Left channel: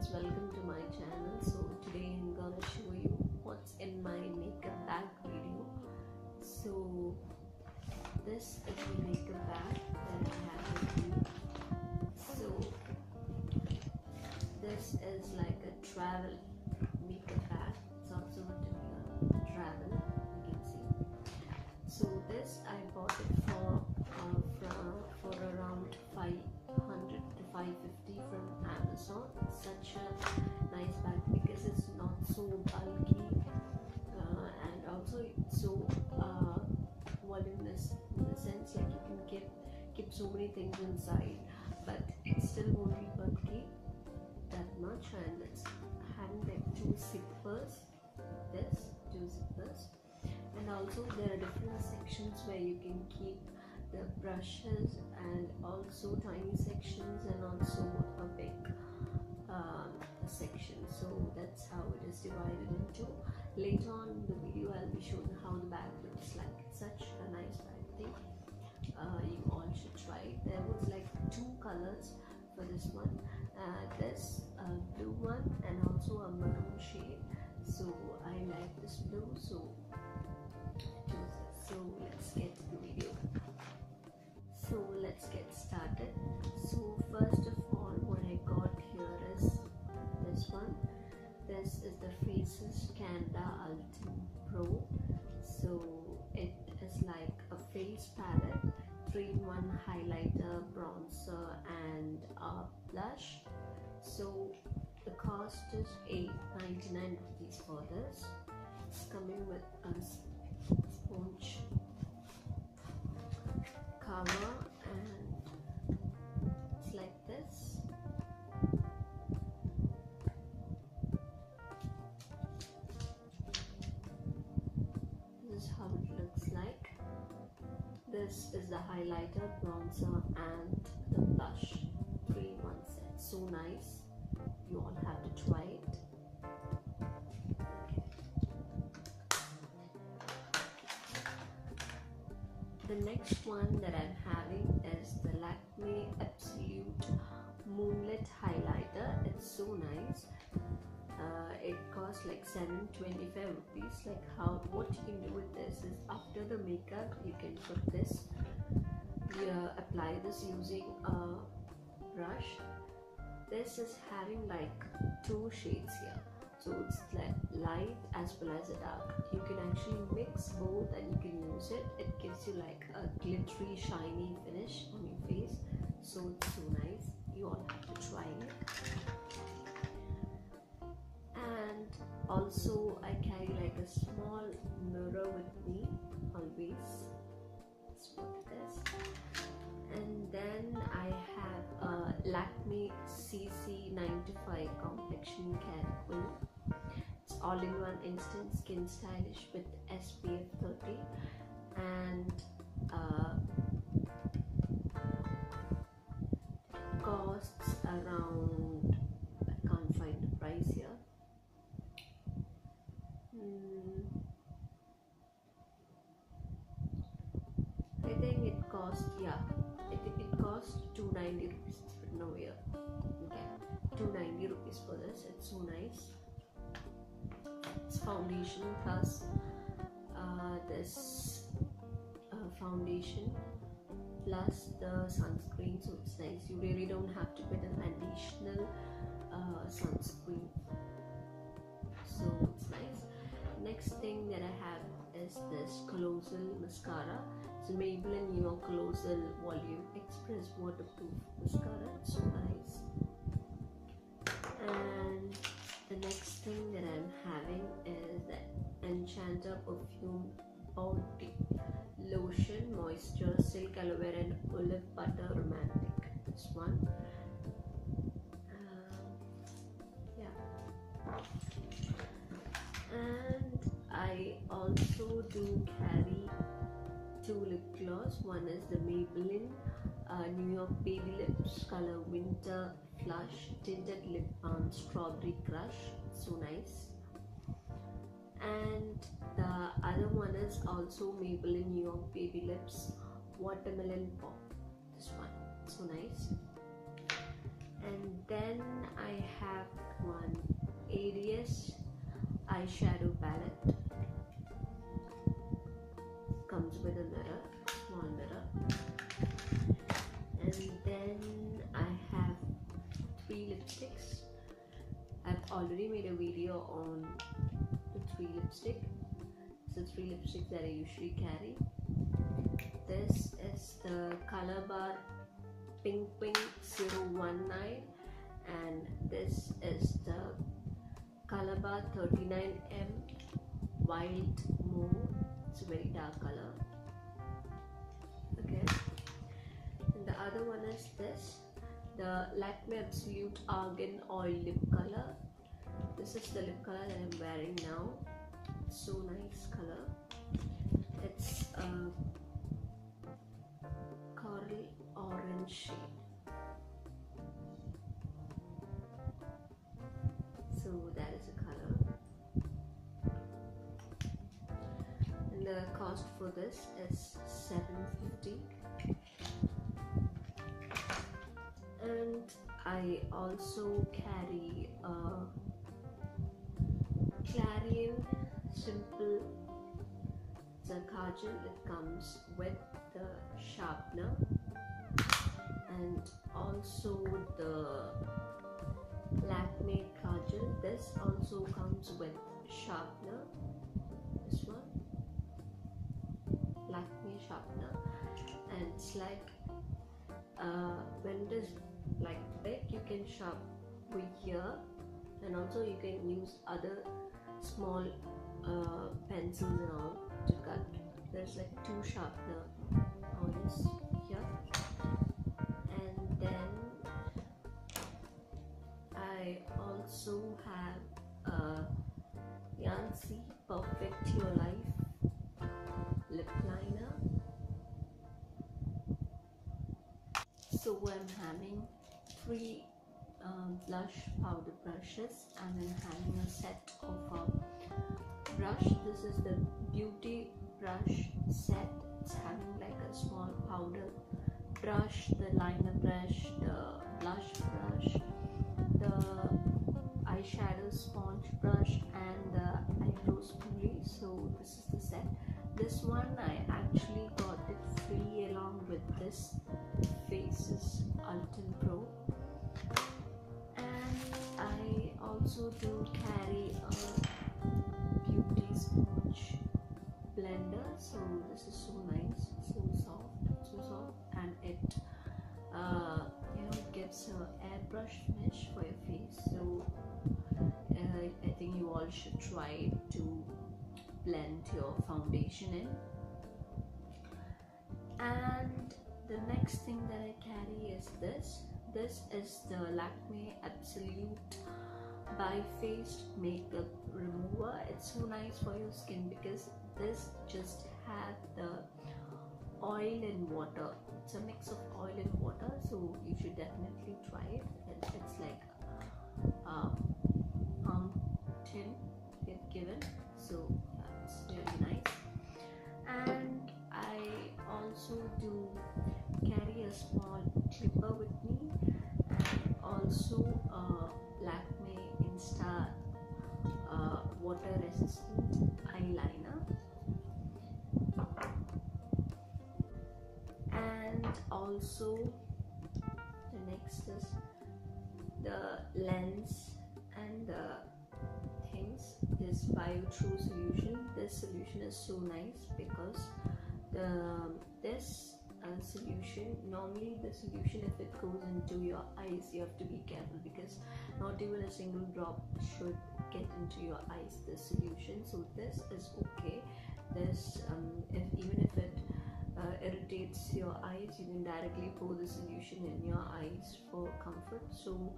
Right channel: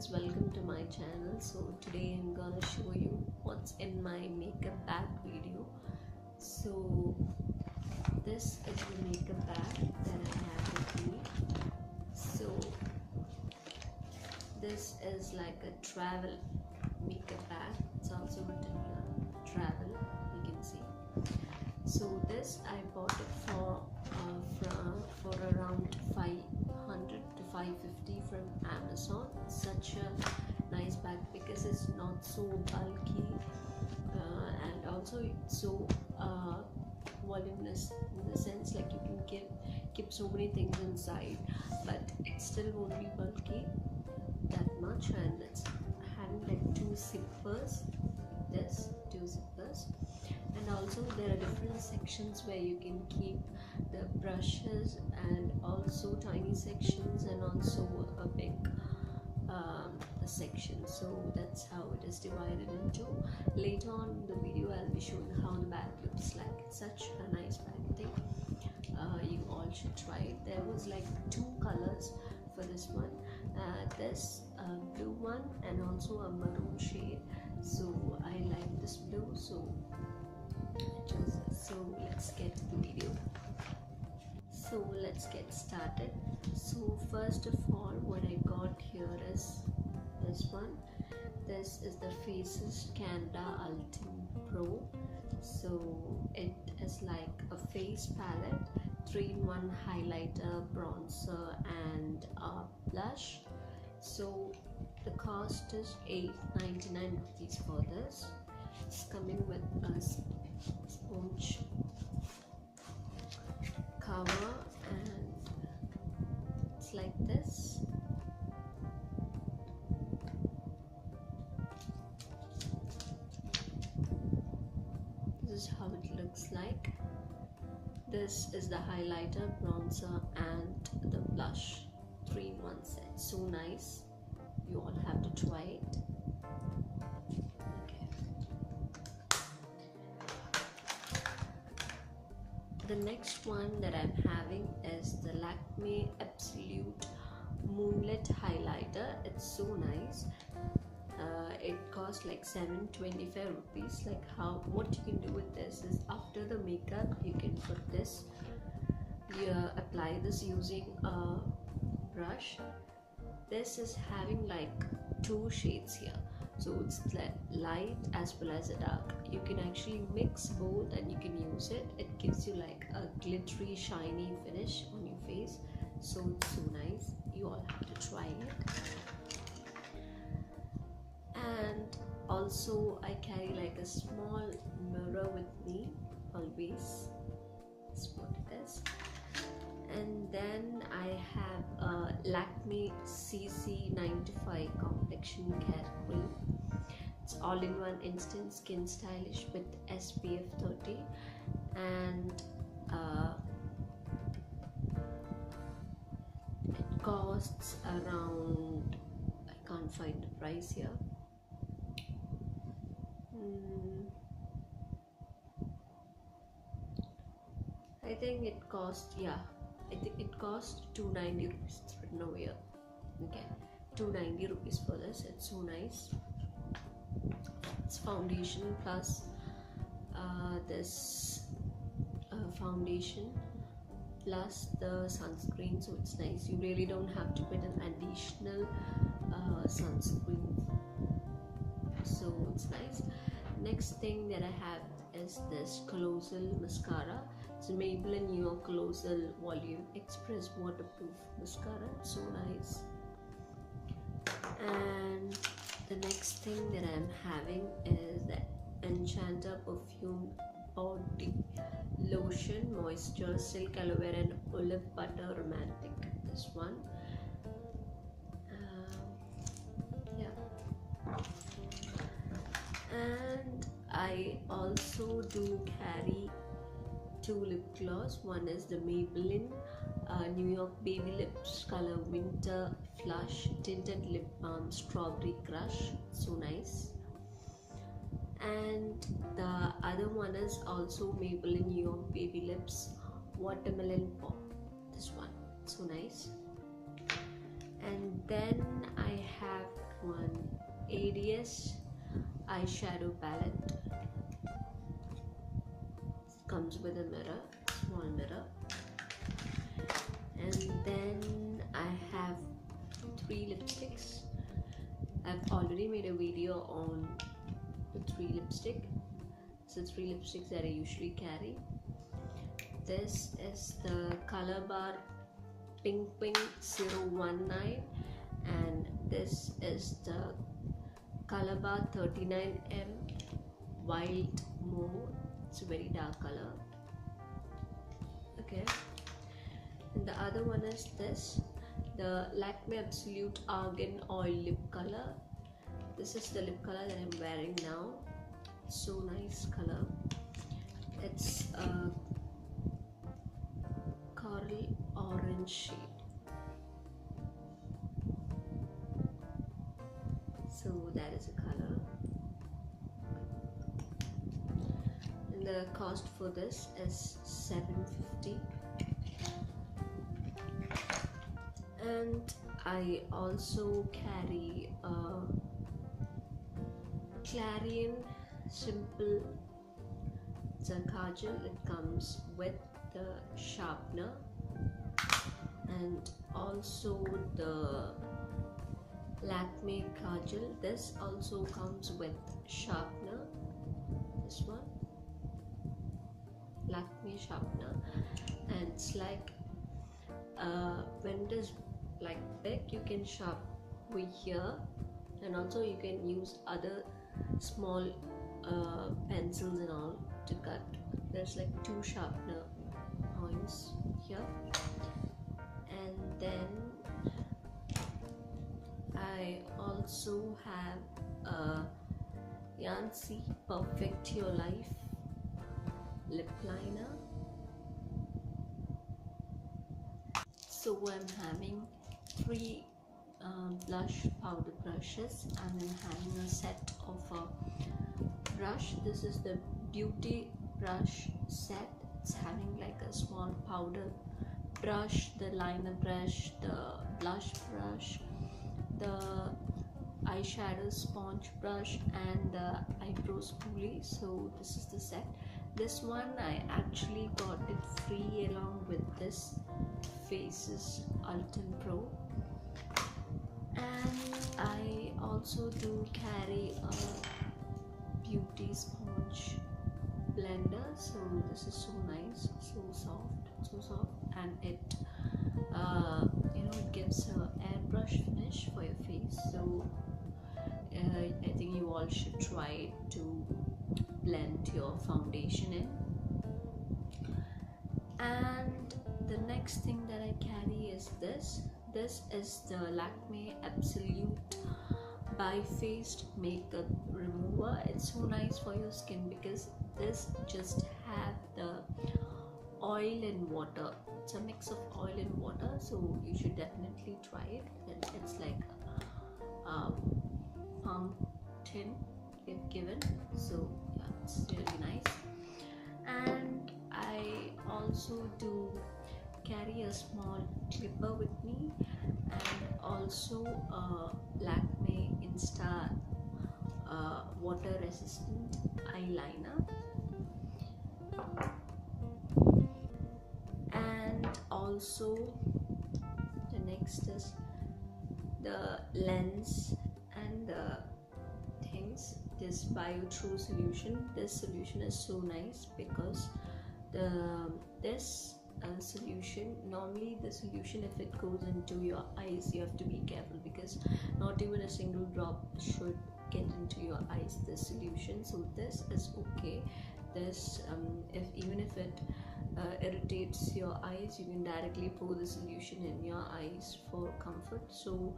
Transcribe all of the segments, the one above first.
friends, welcome to my channel. So today I'm gonna show you what's in my makeup bag video. So this is the makeup bag that I have with me. So this is like a travel makeup bag. It's also written here, travel, you can see. So this I bought it for around 500 to 550 from Amazon. It's such a nice bag because it's not so bulky and also it's so voluminous in the sense like you can keep so many things inside, but it still won't be bulky that much. And it's having like two zippers, and also there are different sections where you can keep the brushes and also tiny sections and also a big section. So that's how it is divided into. Later on in the video I'll be showing how the bag looks like. It's such a nice bag. I think you all should try it. There was like two colors for this one, this blue one and also a maroon shade. So I like this blue, so I chose this. So let's get to the video. So let's get started. So first of all, what I got here is this one. This is the Faces Canada Ultimate Pro. So it is like a face palette, 3-in-1 highlighter, bronzer and blush. So the cost is $8.99 for this. It's coming with a sponge cover and it's like this. This is how it looks like. This is the highlighter, bronzer and the blush, 3-in-1 set. So nice. You all have to try it. Okay. The next one that I'm having is the Lakme Absolute Moonlit Highlighter. It's so nice. It costs like $7.25 rupees. Like what you can do with this is after the makeup you can put this. You apply this using a brush. This is having like two shades here, so it's light as well as a dark. You can actually mix both and you can use it. It gives you like a glittery shiny finish on your face, so it's so nice. You all have to try it. And also I carry like a small mirror with me always. Let's put this. And then I have a Lakme CC95 Complexion Care Cream. It's all-in-one instant skin stylish with SPF 30, and it costs around, I can't find the price here. I think it cost, I think it cost $290 rupees. It's written over here. Okay, $290 rupees for this. It's so nice. It's foundation plus this foundation plus the sunscreen, so it's nice. You really don't have to put an additional sunscreen, so it's nice. Next thing that I have is this Colossal Mascara. It's a Maybelline New York Colossal Volume Express Waterproof Mascara. It's so nice. And the next thing that I'm having is the Enchanter Perfume Body Lotion Moisture Silk Aloe Vera and Olive Butter Romantic. This one. And I also do carry two lip gloss. One is the Maybelline New York Baby Lips Color Winter Flush Tinted Lip Balm Strawberry Crush. So nice. And the other one is also Maybelline New York Baby Lips Watermelon Pop. This one, so nice. And then I have shadiest eyeshadow palette. Comes with a mirror, small mirror, and then I have 3 lipsticks. I've already made a video on the 3 lipstick. So 3 lipsticks that I usually carry. This is the Color Bar Pink Pink 019, and this is the Color Bar 39M Wild Mauve. It's a very dark color. Okay, and the other one is this, the Lakme Absolute Argan Oil Lip Color. This is the lip color that I'm wearing now. So nice color. It's a coral orange shade. So that is a color. And the cost for this is $7.50. And I also carry a Clarion Simple. It's a kajal. It comes with the sharpener, and also the Lakme Kajal. This also comes with sharpener. This one, Lakme sharpener, and it's like when it is like big, you can sharp over here, and also you can use other small pencils and all to cut. There's like 2 sharpener points here, and then I also have a Sincy Perfect Your Life lip liner. So I'm having 3 blush powder brushes, and I'm having a set of a brush. This is the beauty brush set. It's having like a small powder brush, the liner brush, the blush brush, the eyeshadow sponge brush, and the eyebrow spoolie. So this is the set. This one I actually got it free along with this Faces Ultim Pro. And I also do carry a beauty sponge blender. So this is so nice, so soft, and it it gives a airbrush finish for your face. So I think you all should try it to blend your foundation in. And the next thing that I carry is this. This is the Lakme Absolute Bi-Faced Makeup Remover. It's so nice for your skin because this just have the oil and water. It's a mix of oil and water, so you should definitely try it. It's like a palm tin they've given, so yeah, it's really nice. And I also do carry a small clipper with me, and also a Lakme Insta water resistant eyeliner, and also the next is the lens and the things. This Bio True solution. This solution is so nice because this solution, normally the solution, if it goes into your eyes, you have to be careful because not even a single drop should get into your eyes, this solution. So this is okay. This even if it irritates your eyes, you can directly pour the solution in your eyes for comfort. So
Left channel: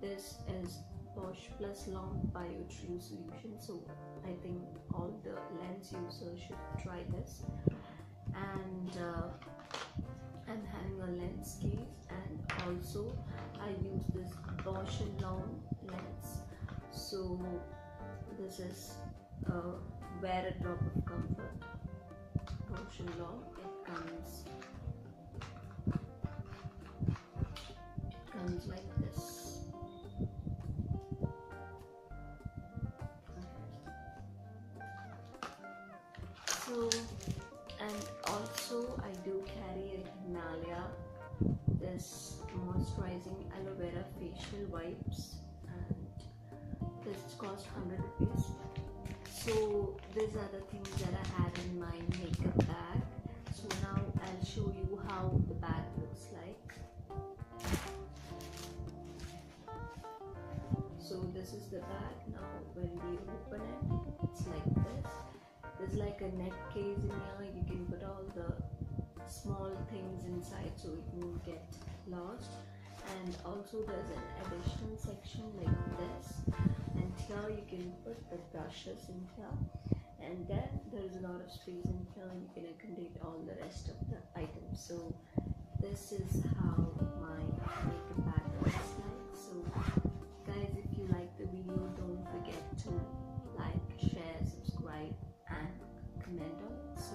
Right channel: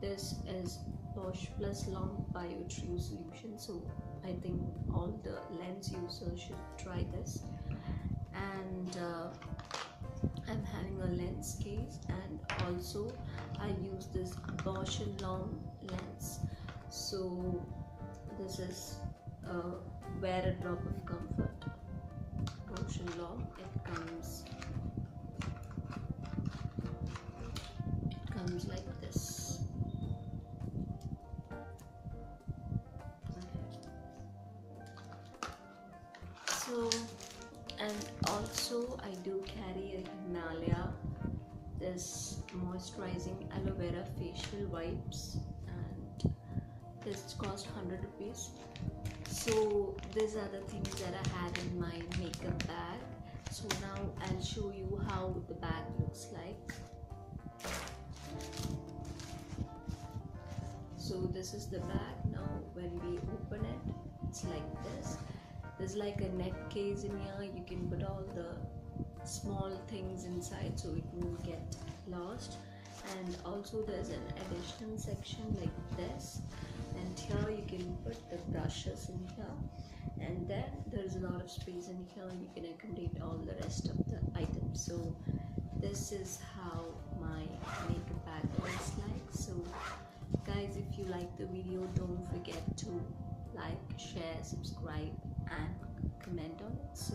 this is Posh Plus Long Bio True solution. So I think all the lens users should try this. And I'm having a lens case, and also I use this Bosch & Lomb lens. So this is Wear a Drop of Comfort, Bosch & Lomb. It comes like this. Also, I do carry a Himalaya, this moisturizing aloe vera facial wipes, and this cost 100 rupees. So these are the things that I had in my makeup bag. So now I'll show you how the bag looks like. So this is the bag. Now when we open it, it's like this. There's like a neck case in here. You can put all the small things inside so it won't get lost. And also there's an additional section like this, and here you can put the brushes in here, and then there's a lot of space in here. You can accommodate all the rest of the items. So this is how my makeup bag looks like. So guys, if you like the video, don't forget to like, share, subscribe and comment on it. So